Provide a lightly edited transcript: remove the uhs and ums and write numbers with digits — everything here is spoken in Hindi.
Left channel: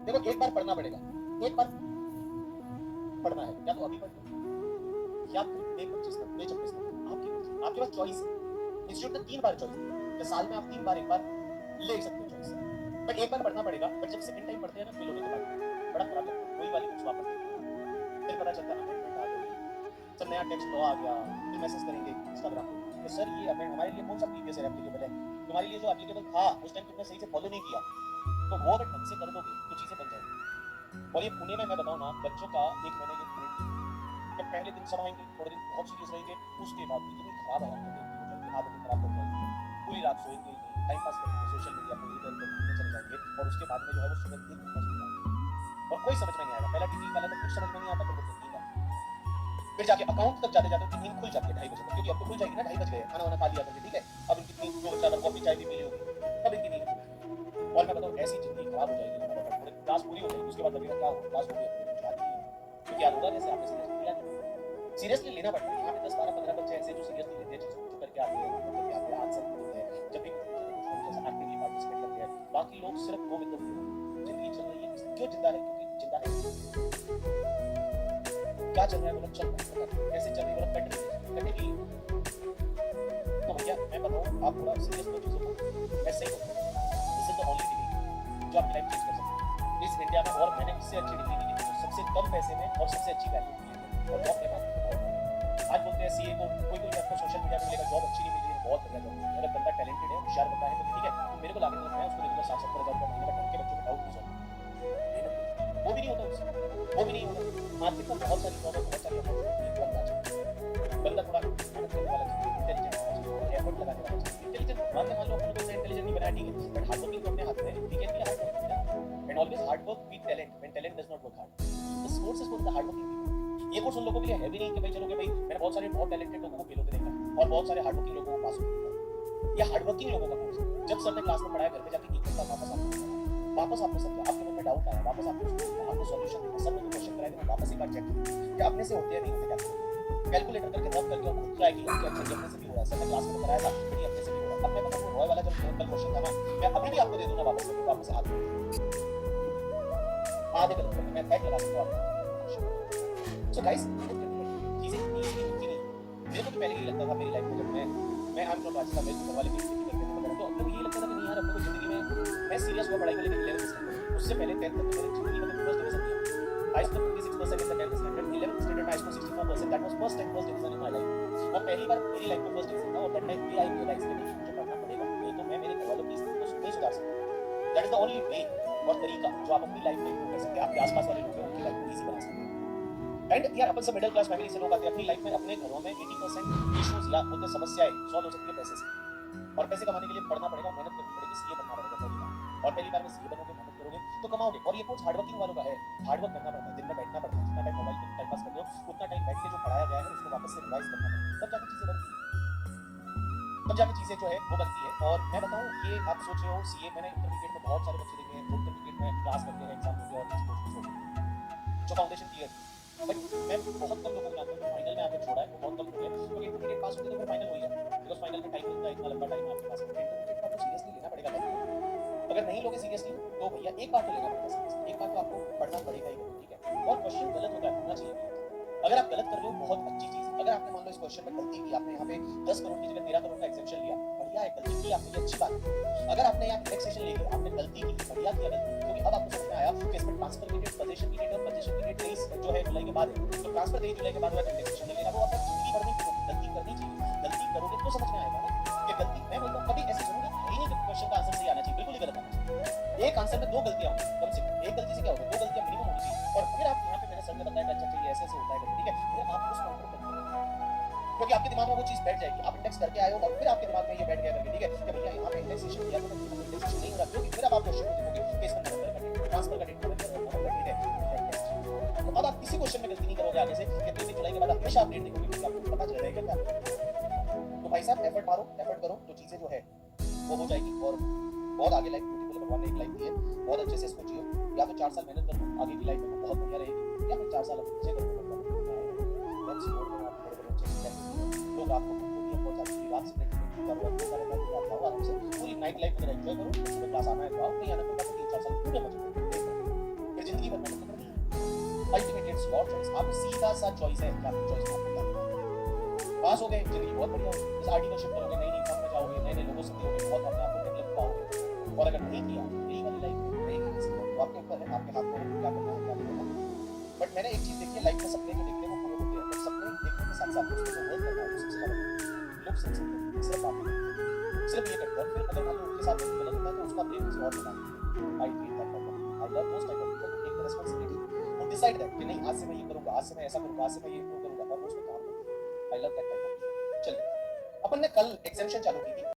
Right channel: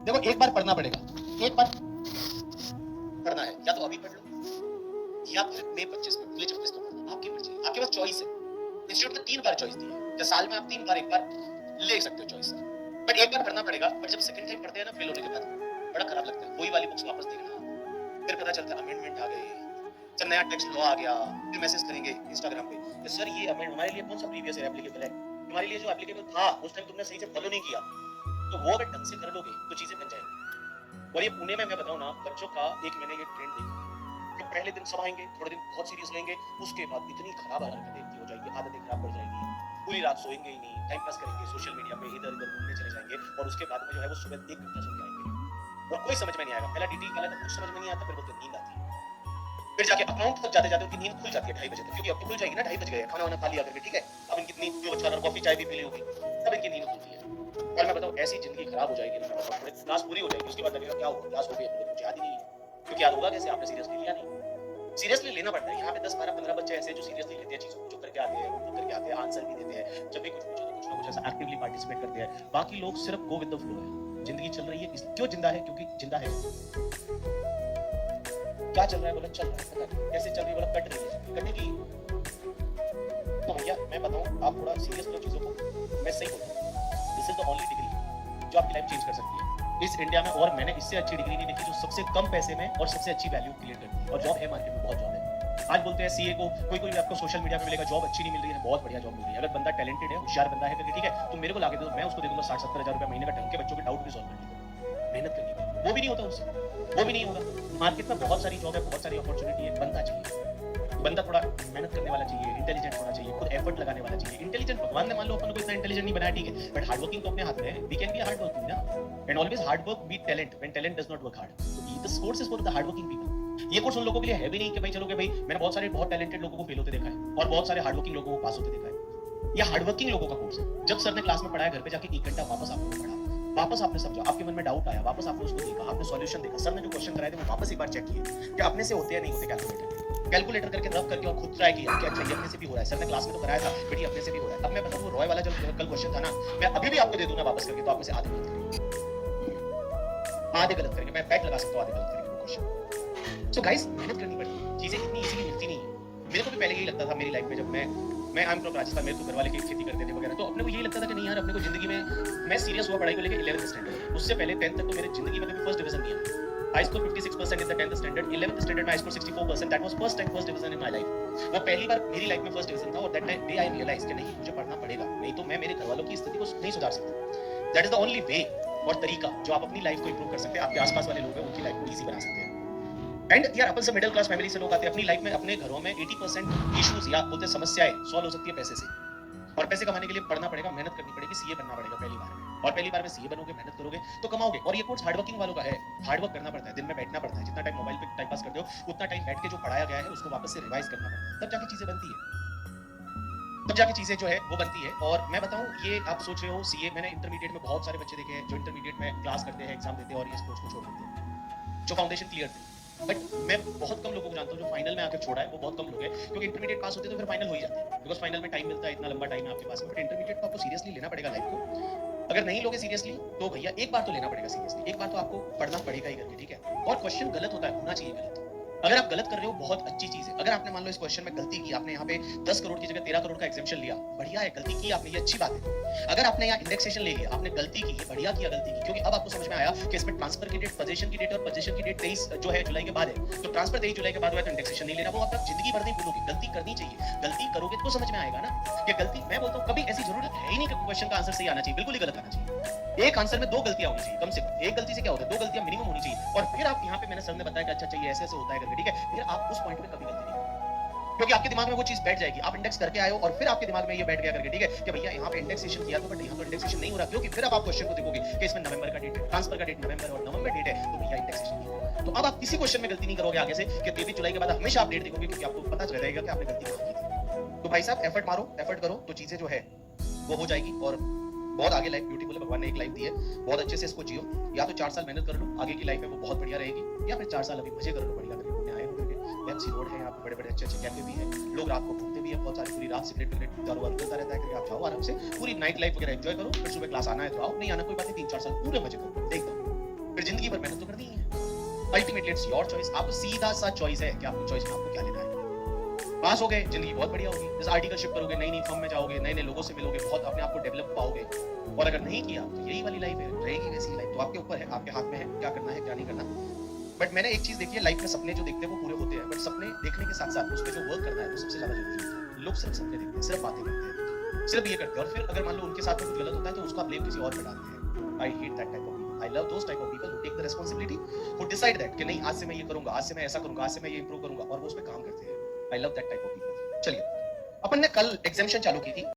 देखो एक बार पढ़ना पड़ेगा, एक बार पढ़ना है, या तो अभी पढ़ लो या फिर मई 25 को, मई 26 को पढ़ना, आपकी मर्जी है, आपके पास चॉइस है। इंस्टीट्यूट में 3 बार चॉइस दी है, तो साल में आप 3 बार एक बार ले सकते हो चॉइस, बट एक बार पढ़ना पड़ेगा। बट जब सेकंड टाइम पढ़ते हैं ना फेल होने के बाद बड़ा खराब लगता है, वही वाली बुक्स वापस देखना, फिर पता चलता है अमेंडमेंट आ गई, जब नया टेक्स्ट लॉ आ गया, फिर मैसेज करेंगे इंस्टाग्राम पे कि सर ये अमेंड हमारे लिए कौन सा प्रीवियस ईयर एप्लीकेबल है, हमारे लिए जो एप्लीकेबल था उस टाइम तुमने सही से फॉलो नहीं किया, तो वो अगर ढंग से कर लोगे तो चीजें बन जाएंगी। और ये पुणे में मैं बताऊं ना, बच्चों का एक मैंने ये ट्रेंड देखा कि पहले दिन सब आएंगे, थोड़े दिन बहुत सीरियस रहेंगे, उसके बाद इतनी खराब हरकतें हो जाएंगी, आदतें खराब पड़ जाएंगी, पूरी रात सोएंगे ही नहीं, टाइम पास करेंगे सोशल मीडिया पे, इधर उधर घूमने चले जाएंगे, और उसके बाद में जो है वो सुबह एक घंटा सुन के आएंगे और कोई समझ में नहीं आएगा। पहला डिटेल वाला तो कुछ समझ में नहीं आता, फिर बोलते नींद आती है, फिर जाके अकाउंट तक जाते जाते उनकी नींद खुल जाती है 2:30 बजे तक, क्योंकि अब तो खुल जाएगी ना, 2:30 बज गए, खाना वाना खा लिया करके, ठीक है, अब इनकी नींद जो बच्चा अगर कॉफी चाय भी पी ली होगी तब इनकी नींद खुलती है। और मैं बताऊं ऐसी जिंदगी खराब हो जाएगी ना, थोड़े क्लास पूरी हो जाएगी, उसके बाद लगेगा क्या होगा, क्लास हो गई तो कुछ याद ही नहीं है, क्योंकि याद होगा कैसे, आपने सीरियसली लिया नहीं। सीरियसली लेना पड़ता है। यहाँ पे 10 12 15 बच्चे ऐसे जो सीरियसली लेते हैं चीजों को, जो करके आते हैं, खुद करके आते हैं, आंसर भी देते हैं, जब भी कुछ पूछो तो कुछ ना कुछ ऐसा एक्टिवली पार्टिसिपेट करते हैं। बाकी लोग सिर्फ गो विद द फ्लो है, जिंदगी चल रही है, क्यों जिंदा है, क्योंकि जिंदा है। क्या चल रहा है बोला, चल रहा है, कैसे चल रही है बोला, कट रही है। तो भैया मैं बताऊं, आप थोड़ा सीरियस लो चीजों को, मैं सही हूं, this is the only degree जो आपकी लाइफ चेंज कर सकती है इस इंडिया में, और मैंने इससे अच्छी डिग्री नहीं देखी जो सबसे कम पैसे में और सबसे अच्छी वैल्यू क्रिएट करती है। और जॉब है मार्केट में, बहुत जॉब है। आज बोलते हैं सीए को, कोई आपको सोशल मीडिया पे मिलेगा, जॉब अच्छी नहीं मिल रही है, बहुत बढ़िया जॉब मिल रही है, अगर बंदा टैलेंटेड है, होशियार बंदा है, तो ठीक है, तो मेरे को लाके दो, मैं उसको दे दूंगा 60-70 हज़ार रुपए महीने का, ढंग के बच्चों के डाउट भी सॉल्व कर दूंगा। मेहनत करनी, वो भी नहीं होता उससे, वो भी नहीं होगा। मार्केट में बहुत सारी जॉब है, बहुत सारी अपॉर्चुनिटी है, बंदा चाहिए, बंदा थोड़ा मेहनत करने वाला चाहिए, इंटेलिजेंट होना चाहिए, खुद एफर्ट लगाने वाला चाहिए। इंटेलिजेंट भगवान ने मान लो अपन को इतना इंटेलिजेंट नहीं बनाया, ठीक है, बट हार्ड वर्किंग तो अपने हाथ में है, we can be hard working ना, and always hard work beat talent when talent does not work hard. This course is for the hard working people. ये कोर्स उन लोगों के लिए है भी नहीं कि भाई चलो कि भाई मैंने बहुत सारे बहुत टैलेंटेड लोगों को फेल होते देखा है और बहुत सारे हार्ड वर्किंग लोगों को पास होते देखा है। ये हार्ड वर्किंग लोगों का कोर्स है। जब सर ने क्लास में पढ़ाया, घर पे जाके 1 घंटा वापस आपने पढ़ा, वापस आपने समझा, आपके मन में डाउट आया, वापस आपने उसको देखा, आपने सॉल्यूशन देखा, सर ने जो क्वेश्चन कराए थे वो वापस एक बार चेक किया कि अपने से होते या नहीं होते, कैलकुलेटर करके रब करके और खुद ट्राई किया कि अच्छा ये अपने से भी हो रहा है, सर ने क्लास में तो कराया था बेटी अपने से भी हो रहा है। अब मैं बताऊं रॉय वाला जब कल क्वेश्चन था ना, मैं अभी भी आपको दे दूंगा वापस करके, तो आप में से आधे गलत करके मैं बैक लगा सकता हूं, आधे गलत करके क्वेश्चन। सो गाइस मेहनत करनी पड़ती है, चीजें इतनी इजीली मिलती नहीं है। मेरे को भी पहले यही लगता था मेरी लाइफ में, जब मैं आई एम फ्रॉम राजस्थान, मेरे तो घर वाले खेती करते थे वगैरह, तो अपने को यही लगता था कि नहीं यार अपने को जिंदगी में, मैं सीरियस हुआ पढ़ाई को लेकर 11th स्टैंडर्ड, उससे पहले 10th तक तो मेरी जिंदगी में कभी फर्स्ट डिवीजन नहीं आया। I scored 56% in the 10th standard, 11th standard में I scored 64%, that was first time first division in my life। वो पहली बार मेरी लाइफ में फर्स्ट डिवीजन था, और that day I realized कि नहीं मुझे पढ़ना पड़ेगा, नहीं तो मैं मेरे घर वालों की स्थिति को नहीं सुधार सकता। That is the only way और तरीका जो आप अपनी लाइफ को इंप्रूव कर सकते हैं, आपके आसपास वाले लोग हैं उनकी लाइफ को इजी बना सकते हैं। एंड यार अपन सब मिडिल क्लास फैमिली से लोग आते हैं, अपनी लाइफ में अपने घरों में 80% इश्यूज या बोलते समस्याएं सॉल्व हो सकती है पैसे से, और पैसे कमाने के लिए पढ़ना पड़ेगा, मेहनत करनी पड़ेगी, सीए बनना पड़ेगा पहली बार, और पहली बार में सीए बनोगे, मेहनत करोगे तो कमाओगे। और ये कोर्स हार्ड वर्किंग वालों का है, हार्ड वर्क करना पड़ता है, दिन में बैठना पड़ता है, जितना टाइम मोबाइल पे टाइम पास करते हो उतना टाइम बैठ के जो पढ़ाया गया है उसको वापस से रिवाइज करना पड़ता है, तब जाके चीजें बनती है, तब जाके चीजें जो है वो बनती है। और मैं बताऊं ये आप सोच रहे हो सीए, मैंने इंटरमीडिएट में बहुत सारे बच्चे देखे हैं जो इंटरमीडिएट में क्लास करते हैं, एग्जाम देते हैं और ये कोर्स को छोड़ देते हैं, जो फाउंडेशन क्लियर थी। बट मैं बहुत कम लोगों को जानता हूं जो फाइनल में आकर छोड़ा है, वो बहुत कम लोग हैं, क्योंकि इंटरमीडिएट पास होते तो फिर फाइनल हो ही जाता है, बिकॉज फाइनल में टाइम मिलता है, इतना लंबा टाइम है आपके पास, बट इंटरमीडिएट को आपको सीरियसली लेना पड़ेगा लाइफ को। अगर नहीं लोगे सीरियसली तो भैया एक बार तो लेना पड़ेगा सीरियसली, एक बार तो आपको पढ़ना पड़ेगा ही करके, ठीक है। और क्वेश्चन गलत होता है, होना चाहिए गलत, अगर आप गलत कर रहे हो बहुत अच्छी चीज है। अगर आपने मान लो इस क्वेश्चन में गलती की, आपने यहाँ पे 10 करोड़ की जगह 13 करोड़ का एग्जेम्पशन लिया, बढ़िया है, गलती की आपने, ये अच्छी बात है। अगर आपने यहाँ इंडेक्सेशन ले लिया, आपने गलती की, बढ़िया किया गलती की, क्योंकि अब आपको समझ में आया कि इसमें ट्रांसफर की डेट, पोजीशन की डेट और पोजीशन की डेट 23 जो है जुलाई के बाद है, तो ट्रांसफर 23 जुलाई के बाद हुआ तो इंडेक्सेशन नहीं लेना, वो आप जिंदगी भर नहीं भूलोगे, गलती करनी चाहिए, गलती करोगे तो समझ में आएगा ना कि गलती। मैं बोलता हूँ कभी ऐसी जरूरत है ही नहीं कि क्वेश्चन का आंसर सही आना चाहिए, बिल्कुल ही गलत आना चाहिए। एक आंसर में 2 गलतियां होनी चाहिए कम से कम, एक गलती से क्या होता है, 2 गलतियां मिनिमम होनी चाहिए। और फिर आप यहाँ पे मैंने सर ने बताया कि अच्छा चाहिए ऐसे ऐसे होता है करके, ठीक है, फिर आप उस पॉइंट पे कभी गलती नहीं, क्योंकि आपके दिमाग में वो चीज बैठ जाएगी, आप इंडेक्स करके आए हो और फिर आपके दिमाग में ये बैठ गया करके, ठीक है, कि भैया यहाँ पे इंडेक्सेशन किया था बट यहाँ पे इंडेक्सेशन नहीं हो रहा, क्योंकि फिर आप क्वेश्चन को देखोगे कि इसमें नवंबर का डेट है, ट्रांसफर का डेट नवंबर और नवंबर डेट है, तो भैया इंडेक्सेशन। तो अब आप किसी क्वेश्चन में गलती नहीं करोगे आगे से कि 23 जुलाई के बाद हमेशा आप डेट देखोगे, क्योंकि आपको पता चल जाएगा कि आपने गलती की। तो भाई साहब एफर्ट मारो, एफर्ट करो, तो चीजें जो है वो हो जाएगी, और बहुत आगे लाइफ ब्यूटीफुल है, भगवान ने एक लाइफ दी है, बहुत अच्छे से इसको जियो। या तो 4 साल मेहनत कर लो, आगे की लाइफ है वो बहुत बढ़िया रहेगी, या फिर 4 साल अभी मजे करो, बढ़िया तरीके आए होंगे, एमसी रोड है, यहाँ पे बड़े बड़े अच्छे अच्छे कैफे भी हैं, लोग रात को घूमते भी हैं, बहुत सारी पूरी रात सिगरेट कारोबार होता रहता है, कि आप जाओ आराम से पूरी नाइट लाइफ वगैरह एंजॉय करो, फिर सुबह क्लास आना है तो आओ, नहीं आना कोई बात नहीं, 3-4 साल पूरे मजे करो, एकदम जिंदगी भर मेहनत तो करनी ही है। अल्टीमेटली इट्स योर चॉइस, आपको सीधा सा चॉइस है कि आपको चॉइस में आपको क्या लेना है। पास हो गए, जिंदगी बहुत बढ़िया होगी, जैसे आर्टिकल शिफ्ट करोगे, नई नई फर्म में जाओगे, नए नए लोगों से मिलोगे, बहुत अपने आप को डेवलप पाओगे। और अगर नहीं किया तो यही वाली लाइफ है, रहेगी वैसी लाइफ। तो आपके ऊपर है, आपके हाथ में है क्या करना है क्या नहीं करना। बट मैंने एक चीज देखी है लाइफ में, सपने जो देखते हैं वो पूरे होते हैं, बट सपने देखने के साथ साथ उस पर जो वर्क करना है वो सबसे ज्यादा जरूरी है। लोग सिर्फ सपने देखते हैं, सिर्फ बातें करते हैं, सिर्फ ये करते हैं, और फिर अगर मान लो उनके साथ कुछ गलत होता है तो उसका ब्लेम किसी और पे डालते हैं। I hate that type of people. I love those type of people who take the responsibility, who decide that कि नहीं आज से मैं ये करूंगा, आज से मैं ऐसा करूंगा, आज से मैं ये इंप्रूव करूंगा, और वो उस पे काम करते हैं। I love that type of people. चलिए, अपन ने कल एग्जामिशन चालू की थी।